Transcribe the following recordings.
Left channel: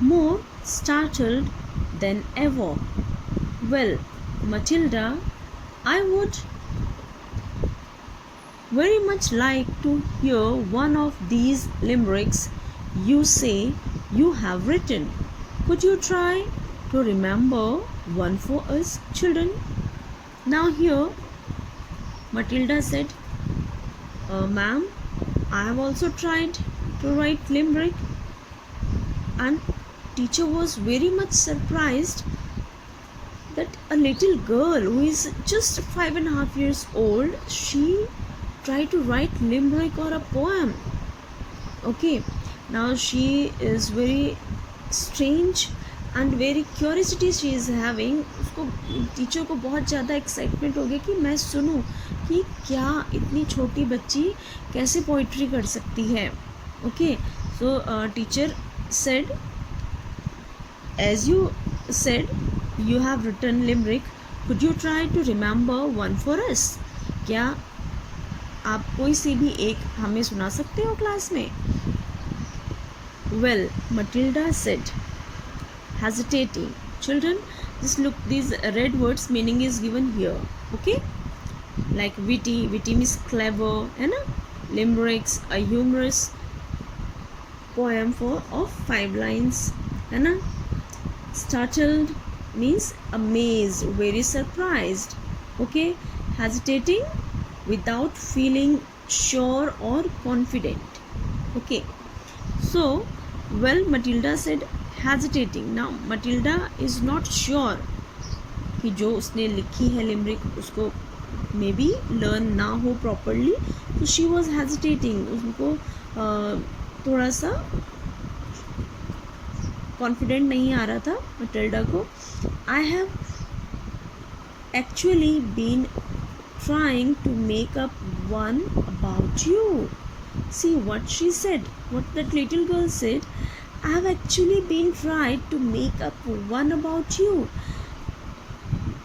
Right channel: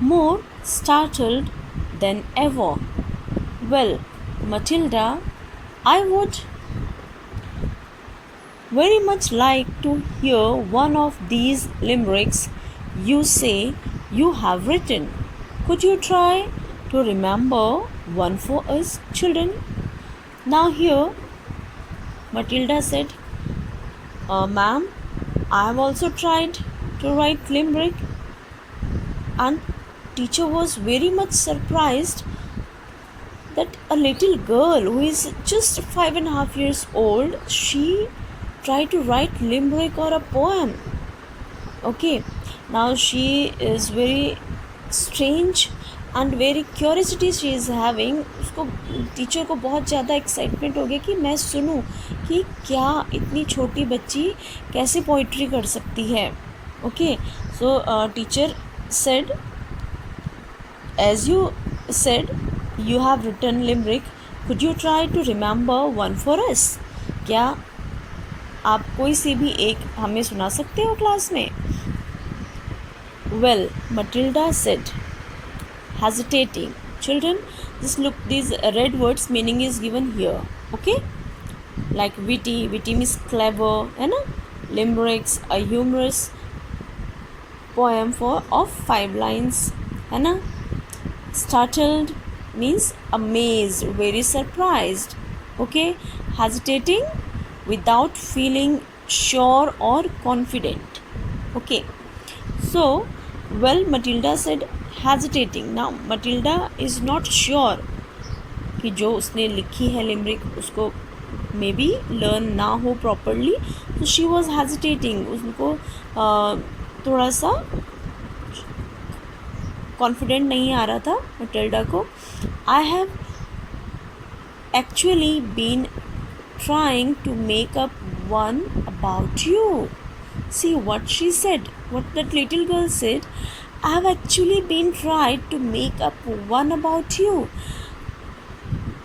more startled than ever. Well, Matilda, I would very much like to hear one of these limericks you say you have written. Could you try to remember one for us, children? Now here, Matilda said, Ma'am, I have also tried to write limerick, and teacher was very much surprised that a little girl who is just 5.5 years old, she tried to write limerick or a poem. Okay, now she is very strange and very curiosity she is having. उसको teacher को बहुत ज़्यादा excitement हो गया कि मैं सुनूं कि क्या इतनी छोटी बच्ची कैसे पोइट्री कर सकती है. Okay, so teacher said, as you said you have written limerick, could you try to remember one for us? क्या आप कोई सी भी एक हमें सुना सकते हो क्लास में? Well, Matilda said, hesitating. Children, just look, these red words meaning is given here. Okay, like witty means clever, है ना? Limericks, a humorous poem of 5 lines, है ना? Startled means amazed, very surprised. Okay, hesitating, without feeling sure or confident. Okay, so well, Matilda said hesitating. Now Matilda is not sure कि जो उसने लिखी है limerick उसको मे बी लर्न ना हो प्रॉपरली, तो शी वॉज हेजिटेटिंग. उसको थोड़ा सा कॉन्फिडेंट नहीं आ रहा था मटिल्डा को. I have actually been trying to make up one about you. See what she said, what that little girl said. I have actually been tried to make up one about you.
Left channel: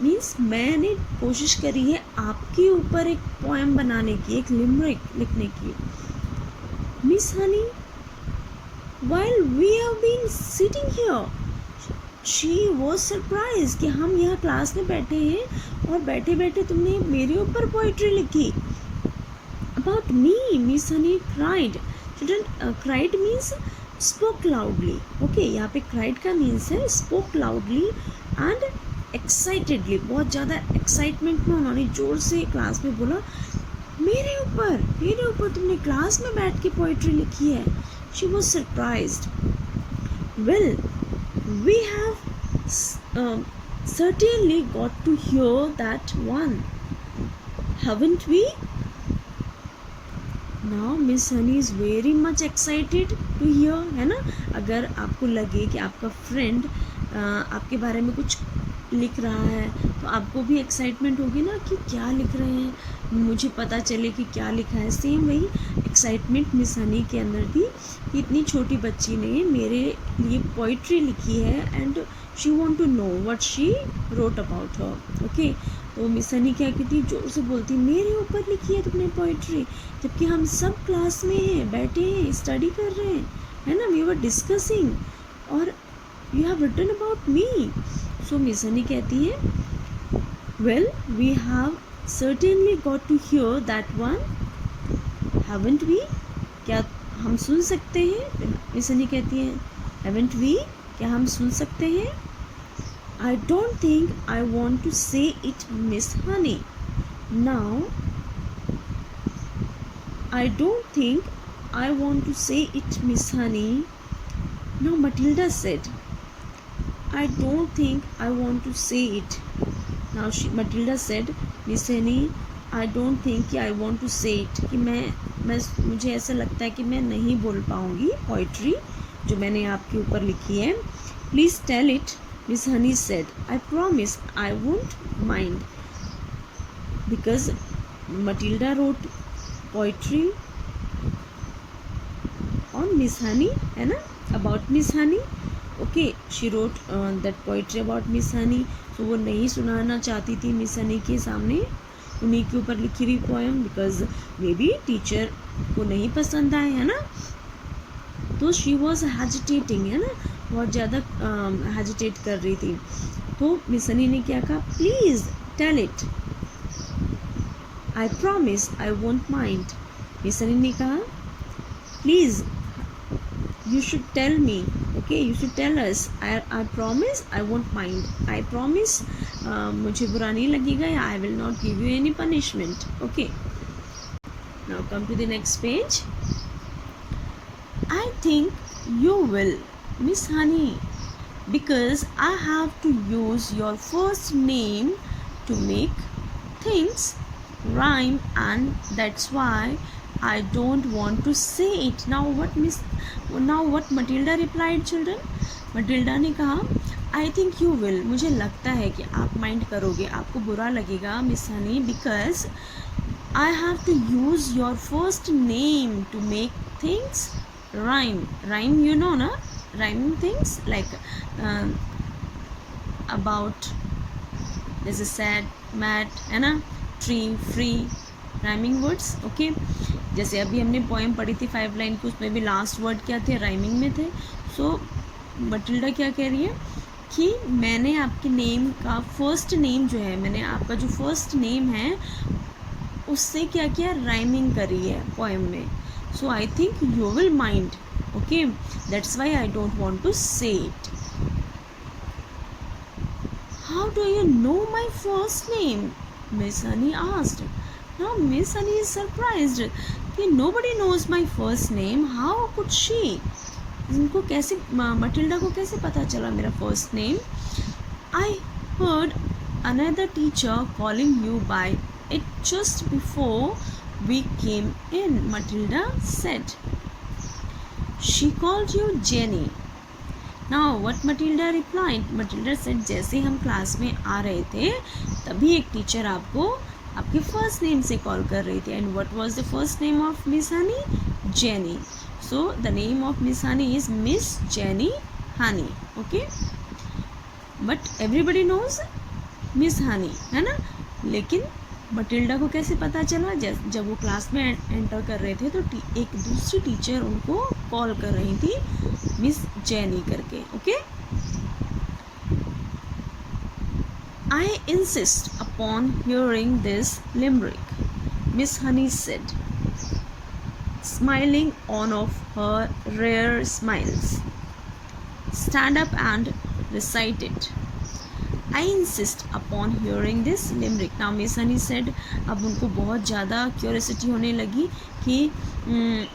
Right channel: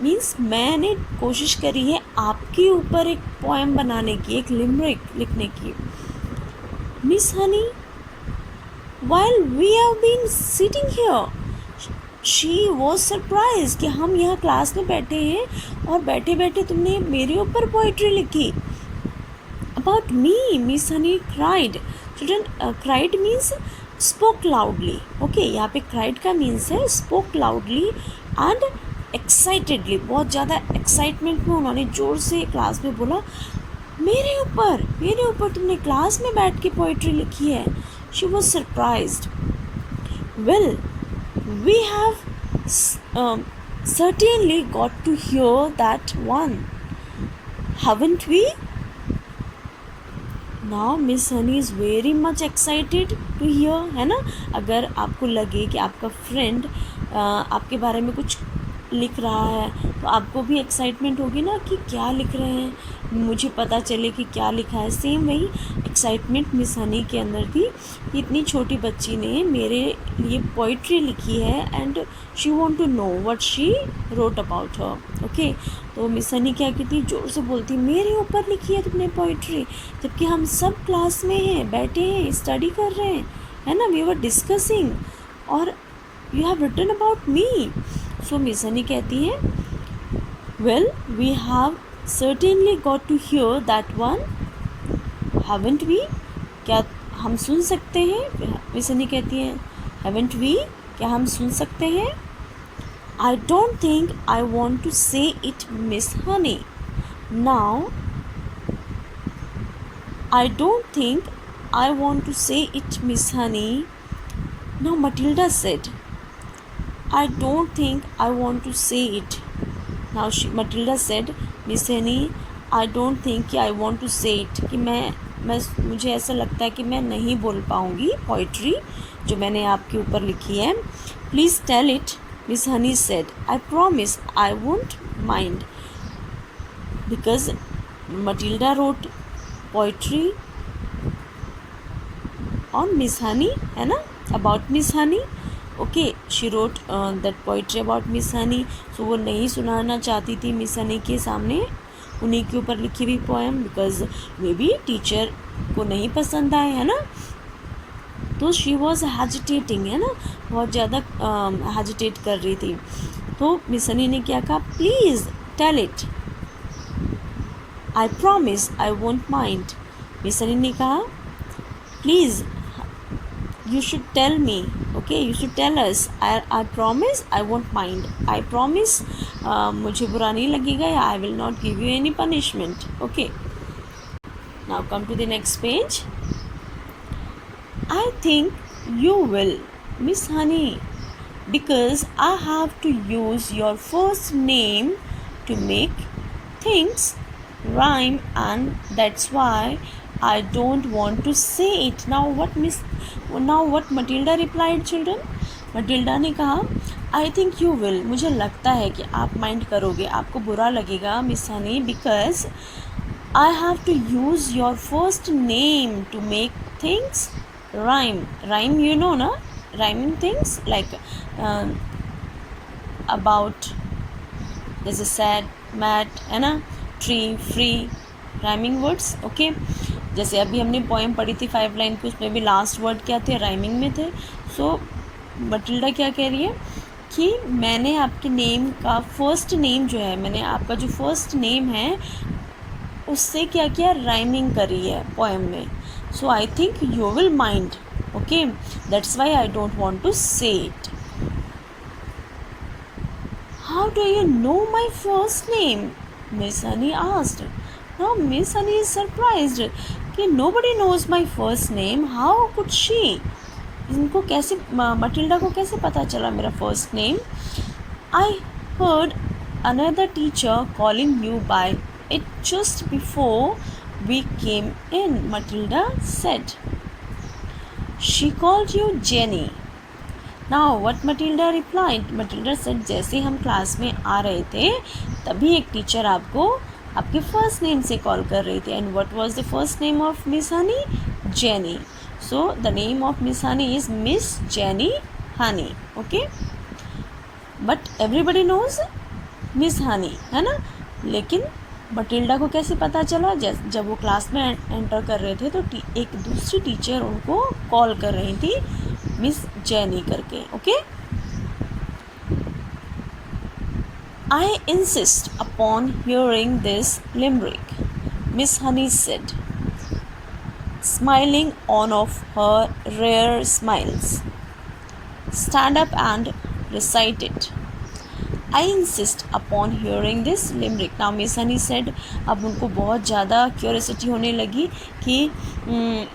Means मैंने कोशिश करी है आपके ऊपर एक poem बनाने की, एक लिमरिक लिखने की. Miss Honey, while we have been sitting here, she was surprised कि हम यहाँ क्लास में बैठे हैं और बैठे बैठे तुमने मेरे ऊपर पोइट्री लिखी. About me, Miss Honey cried. Children, cried means spoke loudly. Okay, यहाँ पे cried का means है spoke loudly and excitedly. बहुत ज़्यादा excitement में उन्होंने ज़ोर से क्लास में बोला, मेरे ऊपर तुमने क्लास में बैठ के पोइट्री लिखी है. She was surprised. Well, we have certainly got to hear that one, haven't we? Now Miss Honey is very much excited to hear, है ना? अगर आपको लगे कि आपका फ्रेंड आपके बारे में कुछ लिख रहा है तो आपको भी एक्साइटमेंट होगी ना कि क्या लिख रहे हैं, मुझे पता चले कि क्या लिखा है. सेम वही एक्साइटमेंट मिस हनी के अंदर थी कि इतनी छोटी बच्ची ने मेरे लिए पोइट्री लिखी है and she want to know what she wrote about her. Okay, तो मिस हनी क्या कहती, जोर से बोलती, मेरे ऊपर लिखी है तुमने पोइट्री, जबकि हम सब क्लास में हैं, बैठे हैं, स्टडी कर रहे हैं, है ना, वी वर डिस्कसिंग, और you have written about me. So Miss Honey कहती है, well we have certainly got to hear that one, haven't we? क्या हम सुन सकते हैं? मिस हनी कहती है, haven't we? क्या हम सुन सकते हैं? I don't think I want to say it, Miss Honey. Now, I don't think I want to say it, Miss Honey. Now Matilda said, I don't think I want to say it. Now Matilda said, Miss Honey, I don't think I want to say it. कि मैं मुझे ऐसा लगता है कि मैं नहीं बोल पाऊँगी पोइट्री जो मैंने आपके ऊपर लिखी है. Please tell it, Miss Honey said. I promise I won't mind. Because Matilda wrote poetry on Miss Honey, है ना, about Miss Honey. Okay, she wrote that poetry about Miss Honey. So वो नहीं सुनाना चाहती थी Miss Honey के सामने उन्हीं के ऊपर लिखी हुई poem, because may be teacher को नहीं पसंद आए, है ना. तो शी वॉज हेजिटेटिंग, है ना, बहुत ज़्यादा हेजिटेट कर रही थी। तो मिस हनी ने क्या कहा, please tell it, I promise I won't mind. Miss Honey ने कहा, please you should tell me, okay, you should tell us, I promise I won't mind, I promise मुझे बुरा नहीं लगेगा, या I will not give you any punishment, okay. Now come to the next page. I think you will, Miss Honey, because I have to use your first name to make things rhyme, and that's why I don't want to say it. Now what Matilda replied, children? Matilda ने कहा, I think you will, मुझे लगता है कि आप mind करोगे, आपको बुरा लगेगा miss Honey, because I have to use your first name to make things rhyme. Rhyme, you know na, rhyming things like about, there's a sad, mad, है ना, tree, free, rhyming words, okay. जैसे अभी हमने poem पढ़ी थी 5 line की, उसमें भी लास्ट वर्ड क्या थे, राइमिंग में थे। सो मटिल्डा क्या कह रही है कि मैंने आपके नेम का फर्स्ट नेम जो है, मैंने आपका जो फर्स्ट नेम है उससे क्या किया, राइमिंग करी है पोएम में। So I think you will mind, okay, that's why I don't want to say it. How do you know my first name, Miss Honey asked. Now Miss Honey is surprised कि nobody knows my first name. How could she? इनको कैसे, Matilda को कैसे पता चला मेरा first name? I heard another teacher calling you by it just before we came in, Matilda said. She called you Jenny. Now what Matilda replied? Matilda said, जैसे हम class में आ रहे थे तभी एक टीचर आपको आपके फर्स्ट नेम से कॉल कर रही थी। And what was the first name of Miss Honey? Jenny. So the name of Miss Honey is Miss Jenny Honey, okay, but everybody knows Miss Honey, है ना। लेकिन मटिल्डा को कैसे पता चला? जब वो क्लास में एंटर कर रहे थे तो एक दूसरी टीचर उनको कॉल कर रही थी मिस जेनी करके, okay. I insist upon hearing this limerick, Miss Honey said, smiling one of her rare smiles. Stand up and recite it. I insist upon hearing this limerick. Now Miss Honey said, अब उनको बहुत ज़्यादा curiosity होने लगी कि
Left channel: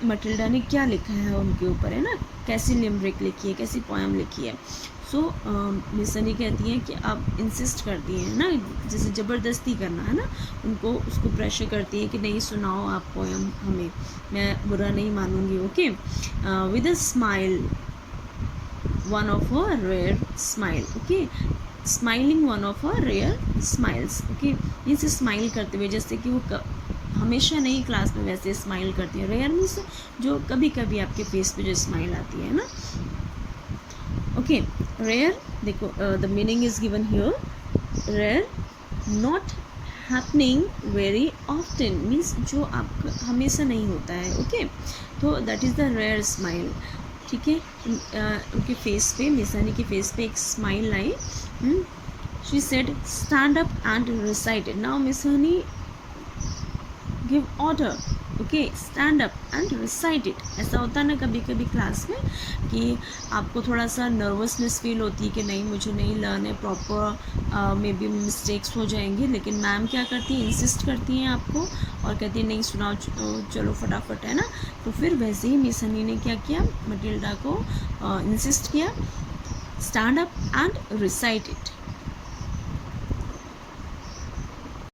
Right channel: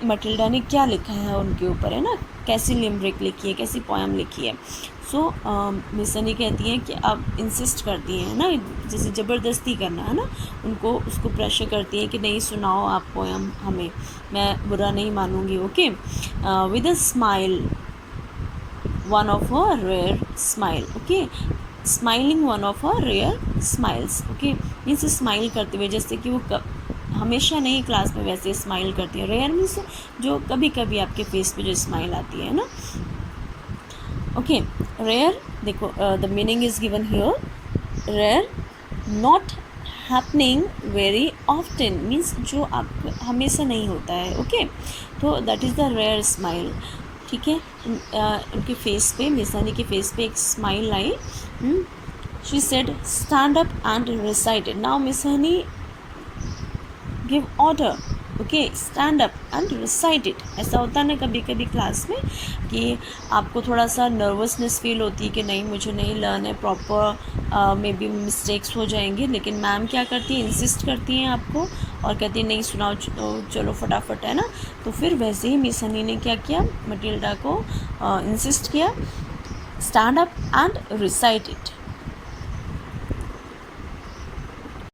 Matilda ने क्या लिखा है उनके ऊपर, है ना, कैसी लिमरिक लिखी है, कैसी पोएम लिखी है। सो मिस हनी कहती हैं कि अब इंसिस्ट करती हैं ना, जैसे ज़बरदस्ती करना, है ना, उनको उसको प्रेशर करती है कि नहीं सुनाओ आप पोएम हमें, मैं बुरा नहीं मानूंगी, okay. With a smile, one of a rare smile, okay, smiling one of a rare smiles, okay, means smile करते हुए, जैसे कि वो हमेशा नहीं क्लास में वैसे स्माइल करती है। रेयर मीन्स जो कभी कभी आपके फेस पे जो स्माइल आती है ना, ओके। रेयर, देखो the meaning is given here, rare, not happening very often, means जो आप हमेशा नहीं होता है, ओके। तो that is the rare smile, ठीक है। उनके फेस पे, मिस हनी के फेस पे एक smile I. She said stand up and recited. Now miss Honey give order, okay, stand up and recite it. ऐसा होता है ना कभी कभी क्लास में कि आपको थोड़ा सा नर्वसनेस फील होती है कि नहीं मुझे नहीं लर्न है प्रॉपर, मे बी मिस्टेक्स हो जाएंगे, लेकिन मैम क्या करती है, इंसिस्ट करती हैं आपको और कहती है नहीं सुनाओ, चलो फटाफट, है ना। तो फिर वैसे ही मिस हनी ने क्या किया, मटिल्डा को इंसिस्ट किया, stand up and recite it.